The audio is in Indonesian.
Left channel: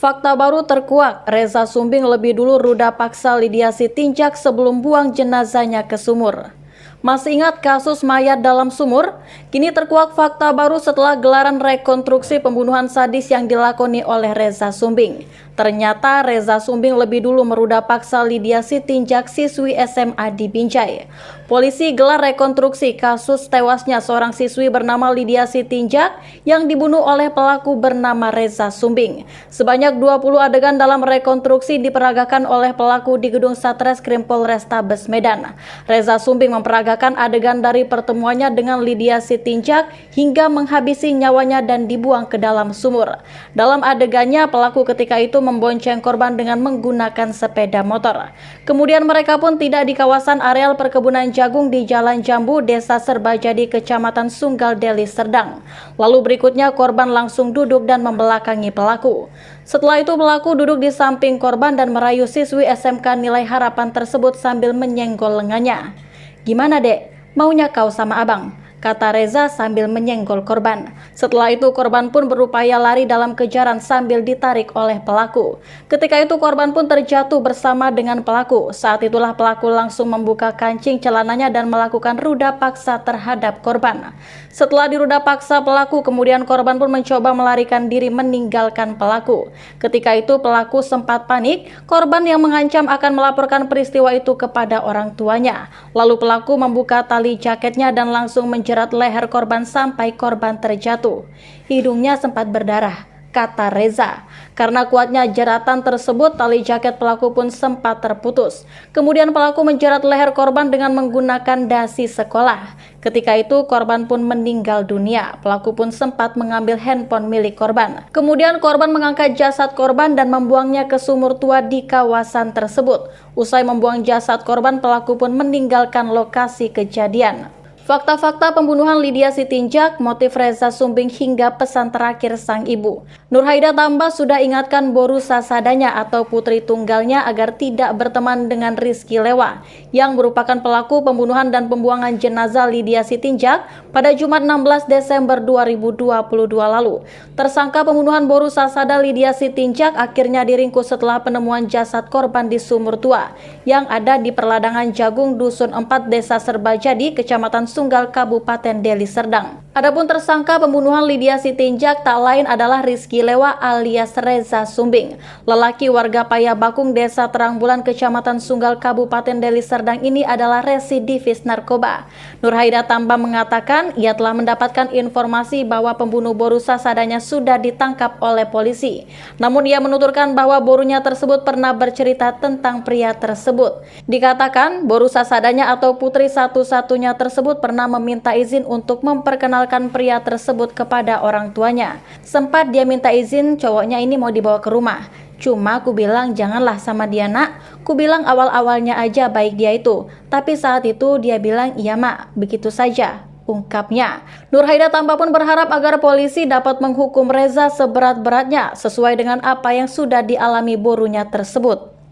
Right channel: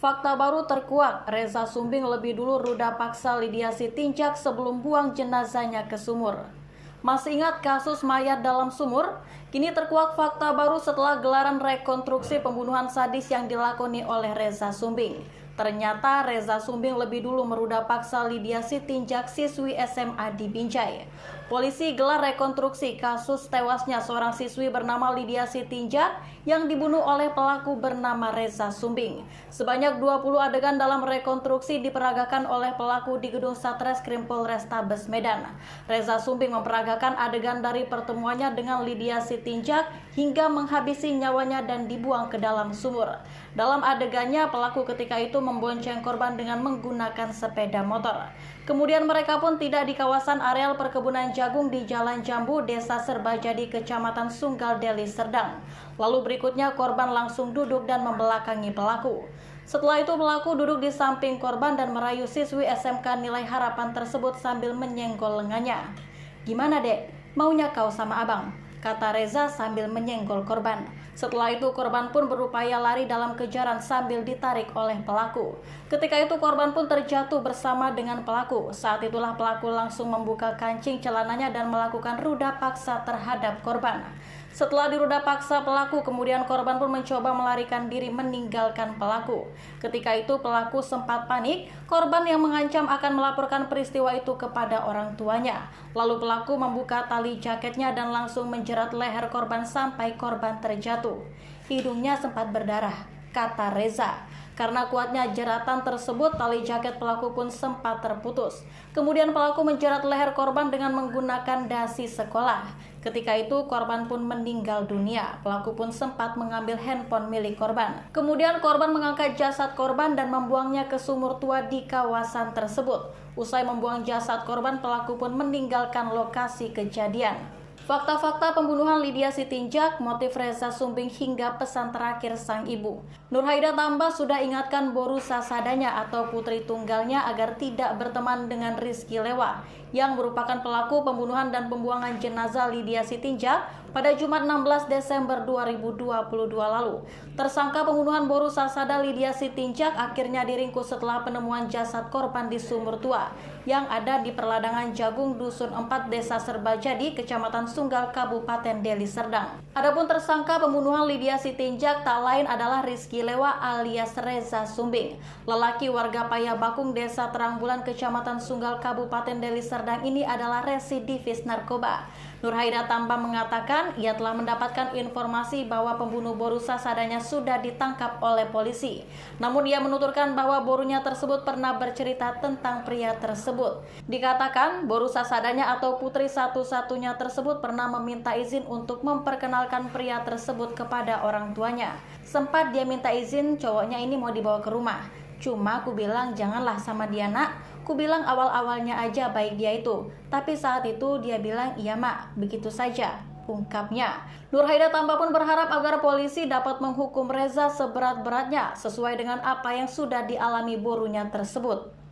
Fakta baru terkuak, Reza Sumbing lebih dulu ruda paksa Lydia Sitinjak sebelum buang jenazahnya ke sumur. Masih ingat kasus mayat dalam sumur? Kini terkuak fakta baru setelah gelaran rekonstruksi pembunuhan sadis yang dilakoni oleh Reza Sumbing. Ternyata Reza Sumbing lebih dulu meruda paksa Lydia Sitinjak, siswi SMA di Binjai. Polisi gelar rekonstruksi kasus tewasnya seorang siswi bernama Lydia Sitinjak yang dibunuh oleh pelaku bernama Reza Sumbing. Sebanyak 20 adegan dalam rekonstruksi diperagakan oleh pelaku di gedung Satreskrim Polrestabes Medan. Reza Sumbing memperagakan adegan dari pertemuannya dengan Lydia Sitinjak hingga menghabisi nyawanya dan dibuang ke dalam sumur. Dalam adegannya, pelaku ketika itu membonceng korban dengan menggunakan sepeda motor. Kemudian mereka pun tidak di kawasan areal perkebunan jagung di Jalan Jambu, Desa Serbajadi, Kecamatan Sunggal, Deli Serdang. Lalu berikutnya korban langsung duduk dan membelakangi pelaku. Setelah itu pelaku duduk di samping korban dan merayu siswi SMK Nilai Harapan tersebut sambil menyenggol lengannya. "Gimana dek, maunya kau sama abang?" kata Reza sambil menyenggol korban. Setelah itu korban pun berupaya lari dalam kejaran sambil ditarik oleh pelaku. Ketika itu korban pun terjatuh bersama dengan pelaku. Saat itulah pelaku langsung membuka kancing celananya dan melakukan ruda paksa terhadap korban. Setelah diruda paksa pelaku, kemudian korban pun mencoba melarikan diri meninggalkan pelaku. Ketika itu pelaku sempat panik, korban yang mengancam akan melaporkan peristiwa itu kepada orang tuanya. Lalu pelaku membuka tali jaketnya dan langsung menjerat leher korban sampai korban terjatuh. Hidungnya sempat berdarah, kata Reza. Karena kuatnya jeratan tersebut, tali jaket pelaku pun sempat terputus. Kemudian pelaku menjerat leher korban dengan menggunakan dasi sekolah. Ketika itu korban pun meninggal dunia. Pelaku pun sempat mengambil handphone milik korban. Kemudian korban mengangkat jasad korban dan membuangnya ke sumur tua di kawasan tersebut. Usai membuang jasad korban, pelaku pun meninggalkan lokasi kejadian. Fakta-fakta pembunuhan Lydia Sitinjak, motif Reza Sumbing hingga pesan terakhir sang ibu. Nurhaida tambah sudah ingatkan Boru Sasadanya atau putri tunggalnya agar tidak berteman dengan Rizky Lewa yang merupakan pelaku pembunuhan dan pembuangan jenazah Lydia Sitinjak pada Jumat 16 Desember 2022 lalu. Tersangka pembunuhan Boru Sasada Lydia Sitinjak akhirnya diringkus setelah penemuan jasad korban di sumur tua yang ada di perladangan Jagung Dusun 4 Desa Serbajadi, Kecamatan Sunggal, Kabupaten Deli Serdang. Adapun tersangka pembunuhan Lydia Sitinjak tak lain adalah Rizky Lewa alias Reza Sumbing. Lelaki warga Payabakung, Desa Terangbulan, Kecamatan Sunggal, Kabupaten Deli Serdang ini adalah residivis narkoba. Nurhaida tambah mengatakan ia telah mendapatkan informasi bahwa pembunuh Boru Sasadanya sudah ditangkap oleh polisi. Namun ia menuturkan bahwa borunya tersebut pernah bercerita tentang pria tersebut. Dikatakan Boru Sasadanya atau putri satu-satunya tersebut pernah meminta izin untuk memperkenalkan pria tersebut kepada orang tuanya. Sempat dia minta izin cowoknya ini mau dibawa ke rumah. Cuma aku bilang janganlah sama dia nak. Ku bilang awal-awalnya aja baik dia itu. Tapi saat itu dia bilang iya mak, begitu saja, ungkapnya. Nurhaida tambah pun berharap agar polisi dapat menghukum Reza seberat-beratnya sesuai dengan apa yang sudah dialami borunya tersebut.